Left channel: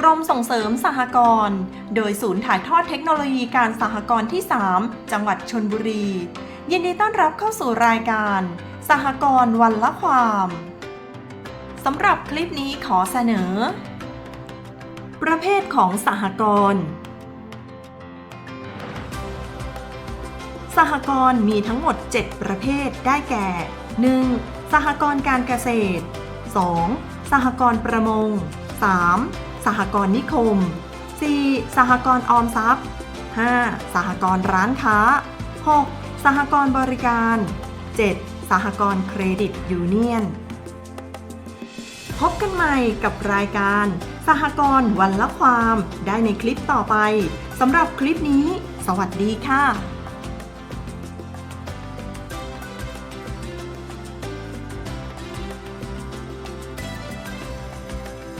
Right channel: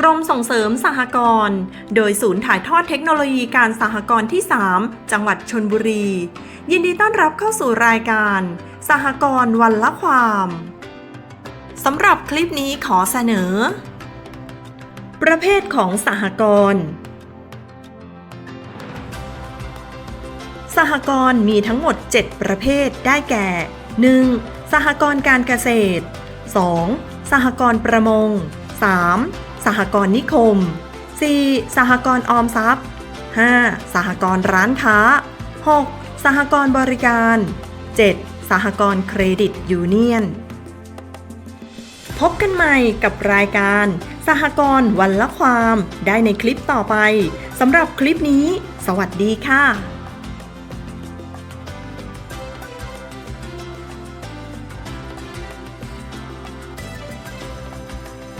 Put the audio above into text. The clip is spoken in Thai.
กรมส่งเสริมสหกรณ์โดยศูนย์ถ่ายทอดเทคโนโลยีการสหกรณ์ที่ 3 จังหวัดชนบุรี ยินดีต้อนรับเข้าสู่รายการ สหกรณ์วันละความสำหรับคลิปนี้ขอเสนอ ประเภทของสหกรณ์สหกรณ์มีทั้งหมด 7 ประเภทได้แก่ 1. สหกรณ์การเกษตร 2. สหกรณ์ประมง 3. สหกรณ์นิคม 4. สหกรณ์ออมทรัพย์ 5. สหกรณ์ร้านค้า 6. สหกรณ์บริการ 7. สหกรณ์เครดิตยูเนียน พบกันใหม่กับรายการ สหกรณ์วันละความ ได้ในคลิปต่อไปสำหรับคลิปนี้ สวัสดีค่ะ